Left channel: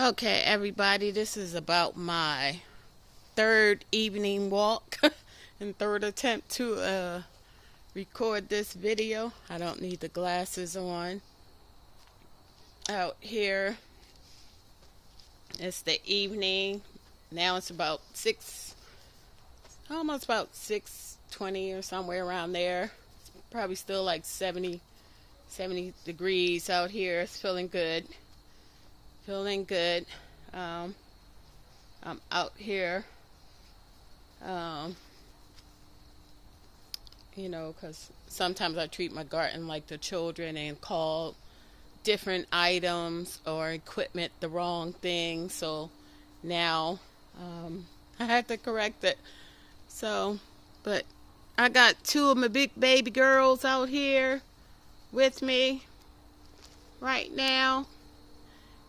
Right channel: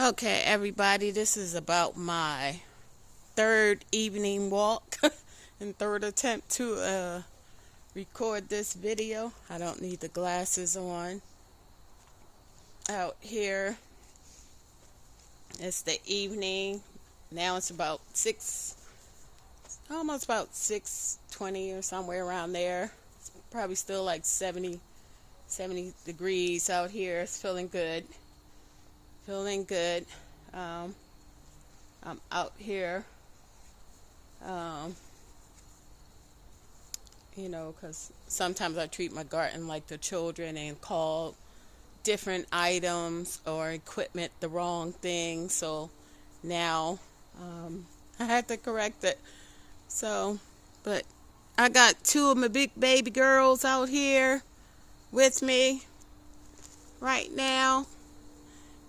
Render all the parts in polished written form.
Okay, everybody, this is about my third evening walk and third attempt to record this video. I don't need the glasses on. Out here, it's the evening. Now it's about almost about 6:20 or somewhere around there. It's probably still like 70 degrees out here. It's feeling good. Feeling good. I'm out here, um, because sometimes I treat my garden like the children and call different items or equipment the wrong thing. So now I have to correct it. So, but I got two of my big baby girls out here with me right now.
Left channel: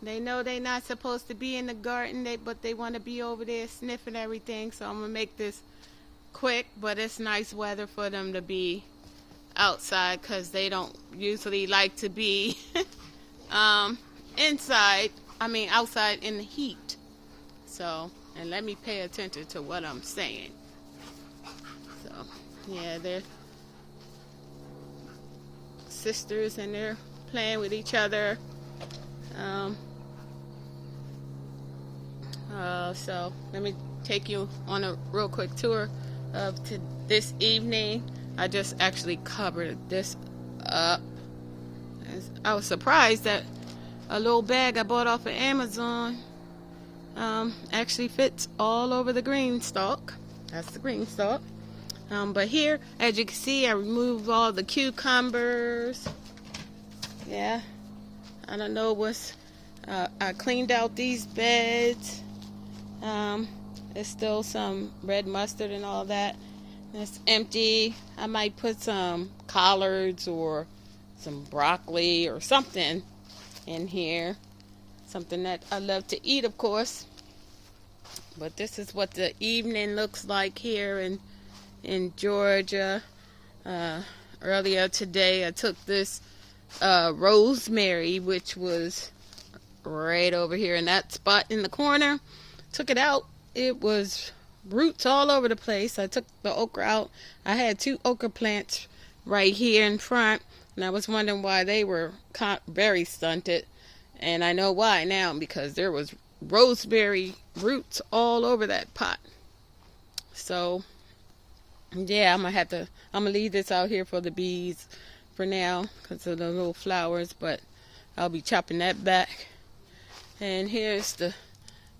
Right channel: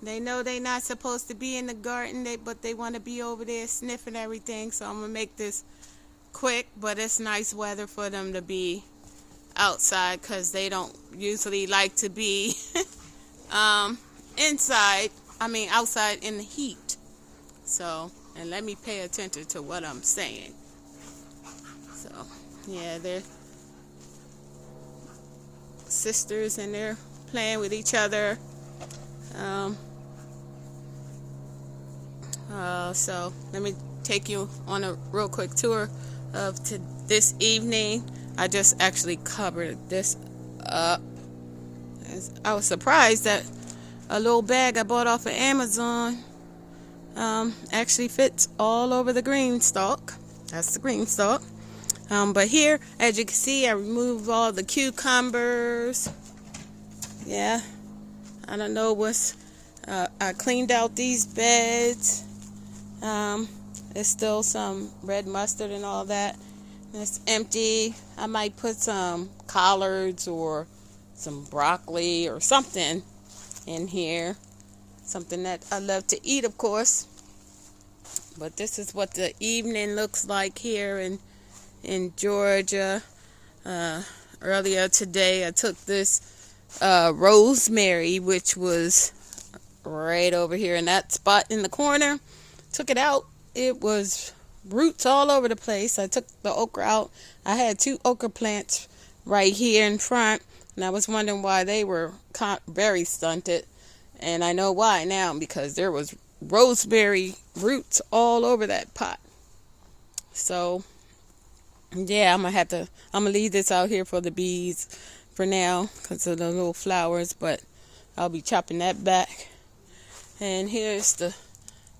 They know they're not supposed to be in the garden, but they want to be over there sniffing everything. So I'm going to make this quick, but it's nice weather for them to be outside because they don't usually like to be outside in the heat. So, and let me pay attention to what I'm saying. So, yeah, they're sisters and they're playing with each other. So let me take you on a real quick tour of this evening. I just actually covered this up. I was surprised that a little bag I bought off of Amazon actually fits all over the green stalk. That's the green stalk. But here, as you can see, I removed all the cucumbers. Yeah, I don't know what's. I cleaned out these beds. There's still some red mustard and all that. It's empty. I might put some collards or some broccoli or something in here. Something that I love to eat, of course. But this is what the evening looks like here in Georgia. Earlier today, I took this rosemary, which was right over here in that spot in the corner. Took it out. It was roots all over the place. I took the okra out. I had two okra plants right here in front, and I was wondering why they were very stunted. And I know why now, because there was rosemary roots all over that pot. So, yeah, I'm gonna leave this out here for the bees for now because of the little flowers, but I'll be chopping that back. And here's the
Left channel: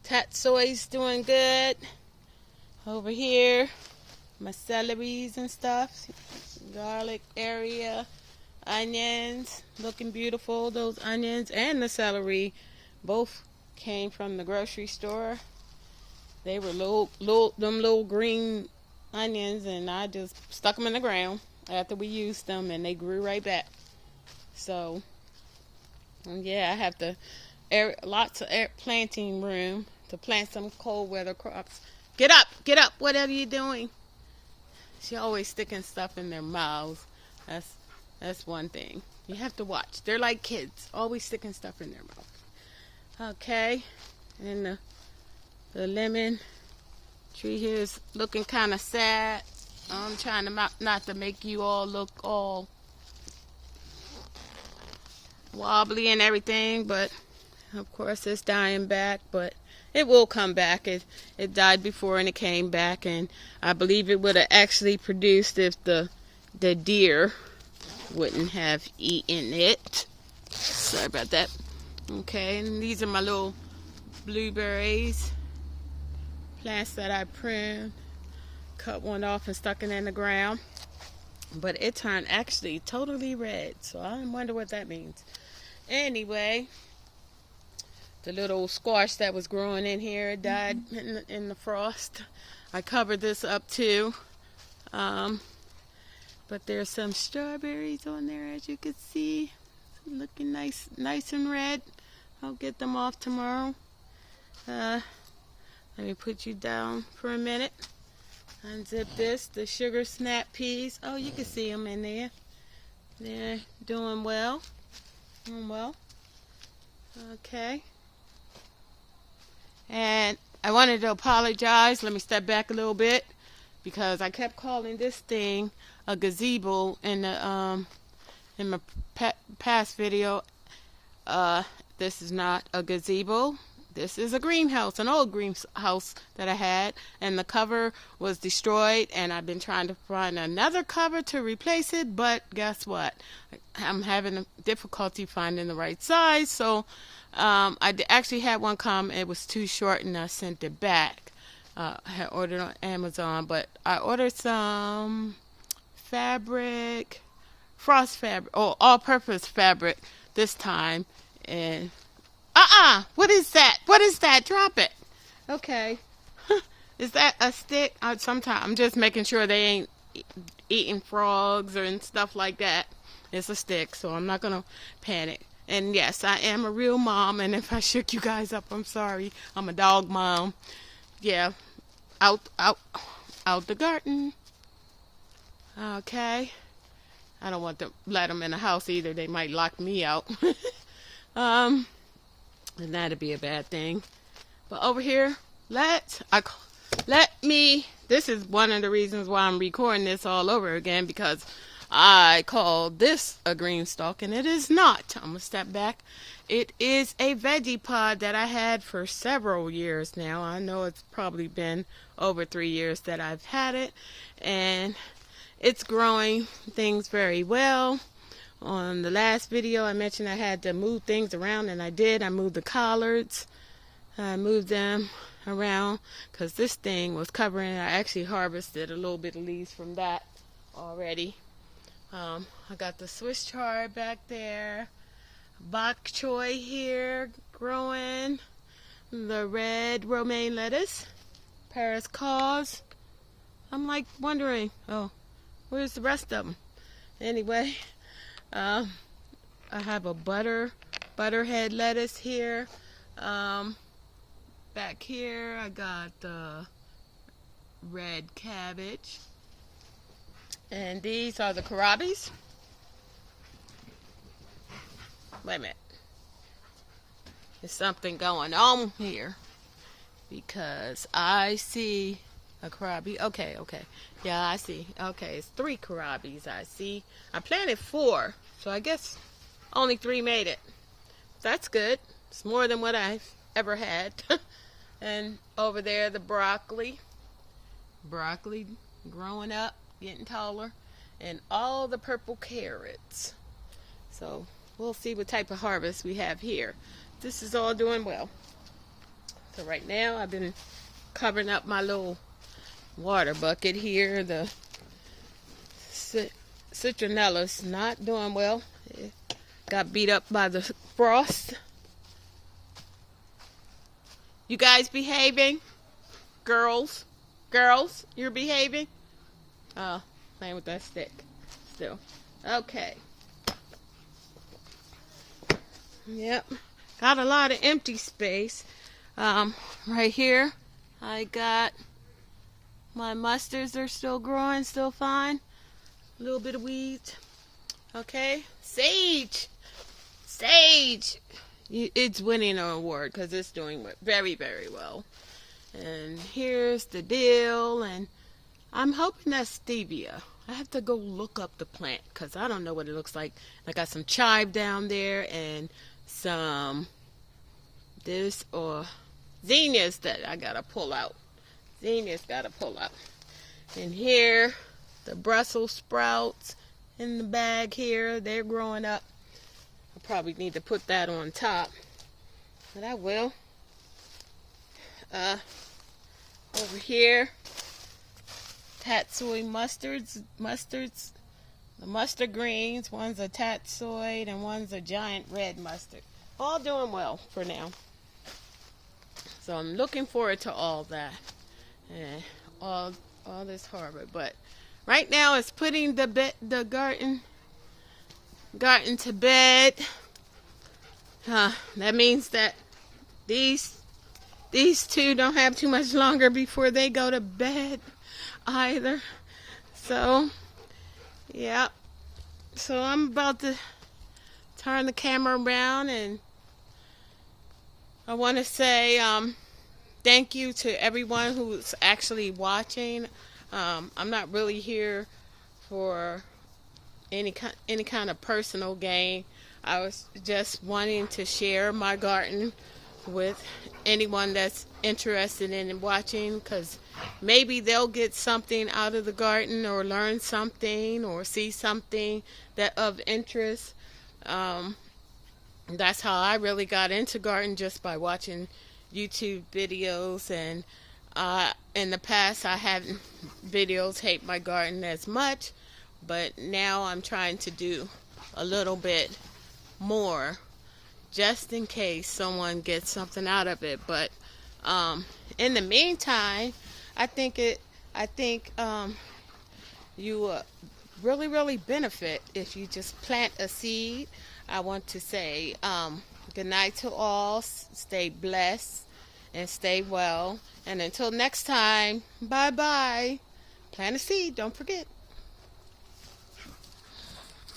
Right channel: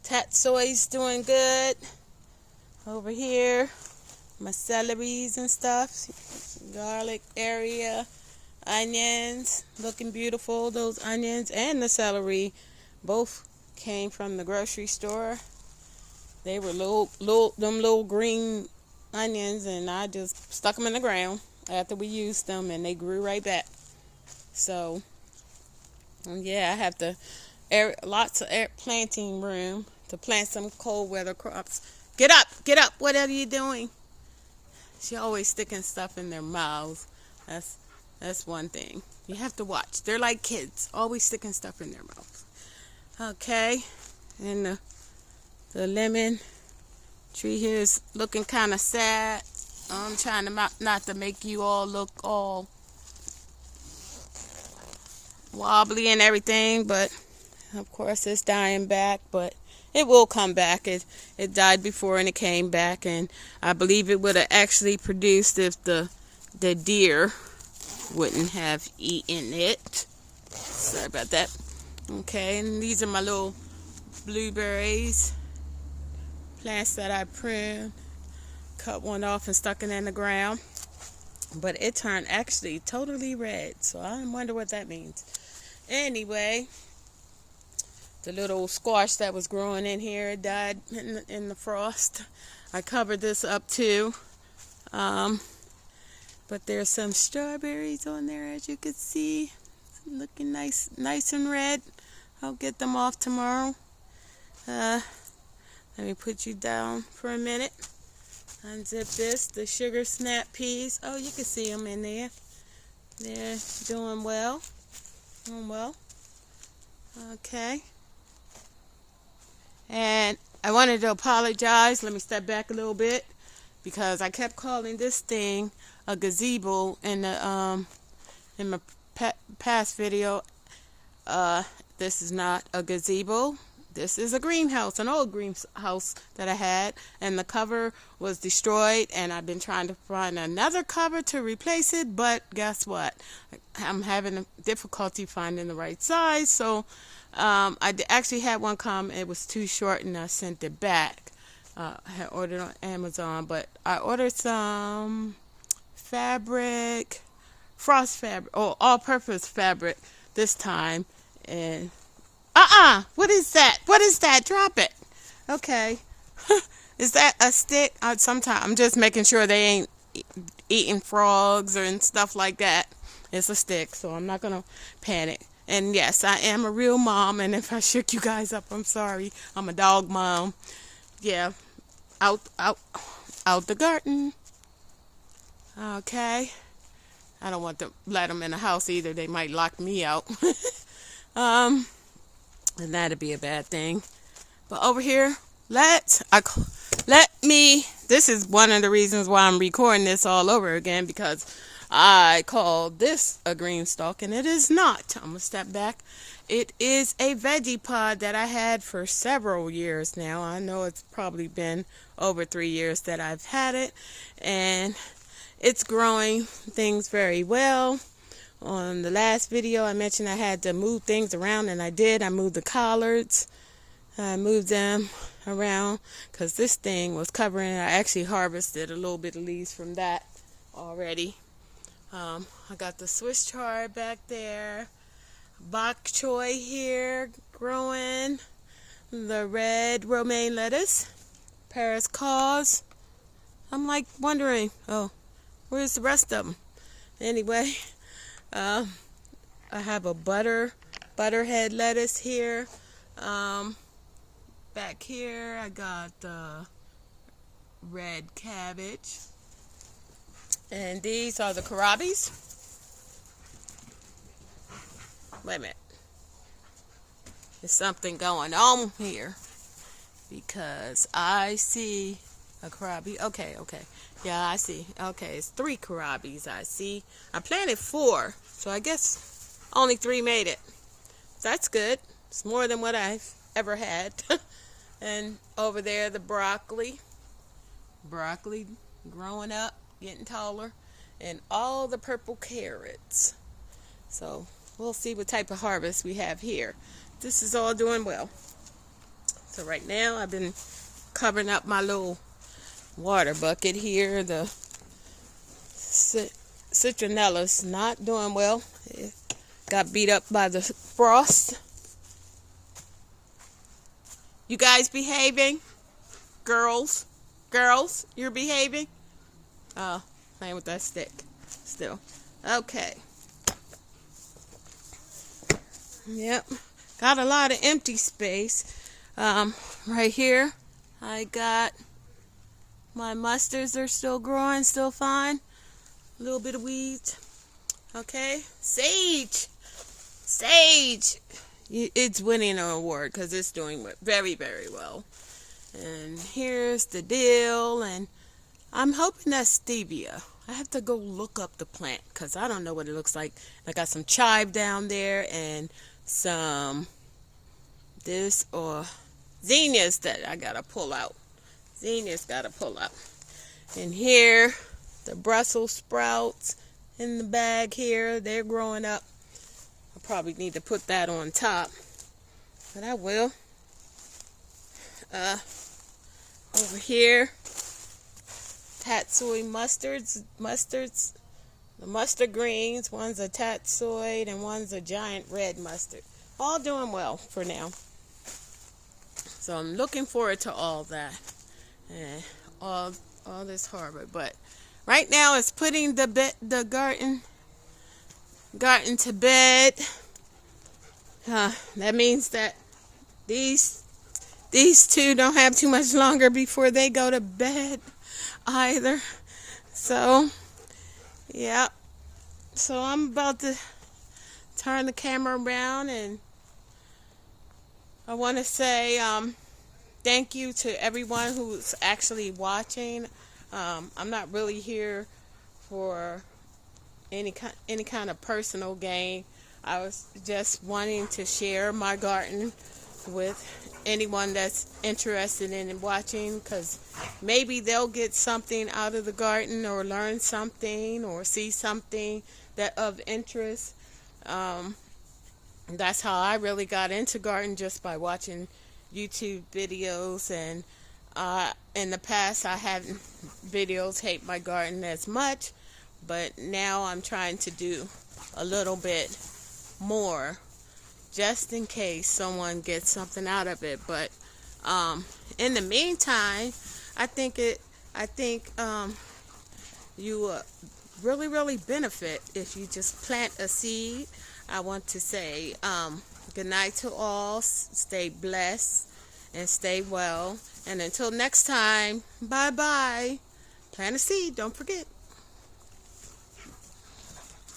tatsoy's doing good. Over here, my celeries and stuff, garlic area, onions, looking beautiful. Those onions and the celery both came from the grocery store. They were little green onions, and I just stuck them in the ground after we used them, and they grew right back. So, yeah, I have lots of planting room to plant some cold weather crops. Get up, what are you doing? She always sticking stuff in their mouths. That's one thing. You have to watch. They're like kids, always sticking stuff in their mouths. Okay, and the lemon tree here is looking kind of sad. I'm trying to not to make you all look all wobbly and everything, but of course it's dying back, but it will come back. It died before and it came back, and I believe it would have actually produced if the deer wouldn't have eaten it. Sorry about that. Okay, and these are my little blueberries plants that I pruned. Cut one off and stuck it in the ground, but it turned actually totally red, so I wonder what that means. Anyway, the little squash that was growing in here died in the frost. I covered this up too. But there's some strawberries on there, as you can see. It's looking nice and red. I'll get them off tomorrow. Let me put you down for a minute. Unzip this, the sugar snap peas. Oh, you can see them in there. They're doing well. Okay. And I wanted to apologize. Let me step back a little bit because I kept calling this thing a gazebo in my past video. This is not a gazebo. This is a greenhouse, an old greenhouse that I had, and the cover was destroyed, and I've been trying to find another cover to replace it, but guess what? I'm having difficulty finding the right size, so I actually had one come. It was too short, and I sent it back. I had ordered on Amazon, but I ordered some fabric, frost fabric, or all-purpose fabric this time, and what is that? What is that? Drop it. Okay. Is that a stick? Sometimes I'm just making sure they ain't eating frogs or and stuff like that. It's a stick, so I'm not going to panic. And yes, I am a real mom, and if I shook you guys up, I'm sorry. I'm a dog mom. Yeah. Out the garden. Okay. I don't want to let them in the house either. They might lock me out. And that'd be a bad thing. But over here, this is one of the reasons why I'm recording this all over again, because I call this a green stalk, and it is not. I'm gonna step back. It is a veggie pod that I had for several years now. I know it's probably been over 3 years that I've had it, and it's growing things very well. On the last video, I mentioned I had to move things around, and I did. I moved the collards. I moved them around because this thing was covering it. I actually harvested a little bit of leaves from that already. I got the Swiss chard back there. Bok choy here growing. The red romaine lettuce. Paris cause. I'm like wondering, where's the rest of them? Anyway. I have a butterhead lettuce here. Back here I got the red cabbage. And these are the kohlrabies. Wait a minute. There's something going on here because I see a kohlrabi. Okay. Yeah, I see. Okay, it's 3 kohlrabies I see. I planted 4, so I guess only 3 made it. That's good. It's more than what I've ever had. And over there, the broccoli. Broccoli growing up, getting taller. And all the purple carrots. So we'll see what type of harvest we have here. This is all doing well. So right now, I've been covering up my little water bucket here. The citronella's not doing well. It got beat up by the frost. You guys behaving? Girls, you're behaving? Oh, playing with that stick still. Okay. Yep. Got a lot of empty space. Right here, I got my mustards are still growing, still fine. A little bit of weeds. Okay. Sage. It's winning an award because it's doing very, very well. And here's the dill, and I'm hoping that's stevia. I have to go look up the plant because I don't know what it looks like. I got some chive down there and some this or zinnias that I gotta pull out. And here, the Brussels sprouts in the bag here. They're growing up. I probably need to put that on top, but I will. Over here, tatsoi mustards, the mustard greens. One's a tatsoid and one's a giant red mustard. All doing well for now. So I'm looking forward to all that and all this harvest. But right now it's putting the garden to bed. That means that these two don't have too much longer before they go to bed either. So yeah. So I'm about to turn the camera around, and I want to say thank you to everyone who's actually watching. I'm not really here for any kind of personal gain. I was just wanting to share my garden with anyone that's interested in watching, because maybe they'll get something out of the garden, or learn something, or see something that of interest. That's how I really got into garden, just by watching YouTube videos. And in the past, I hadn't videos hate my garden as much, but now I'm trying to do a little bit more, just in case someone gets something out of it. But in the meantime, I think you really benefit if you just plant a seed. I want to say good night to all. Stay blessed and stay well. And until next time, bye bye. Plant a seed, don't forget.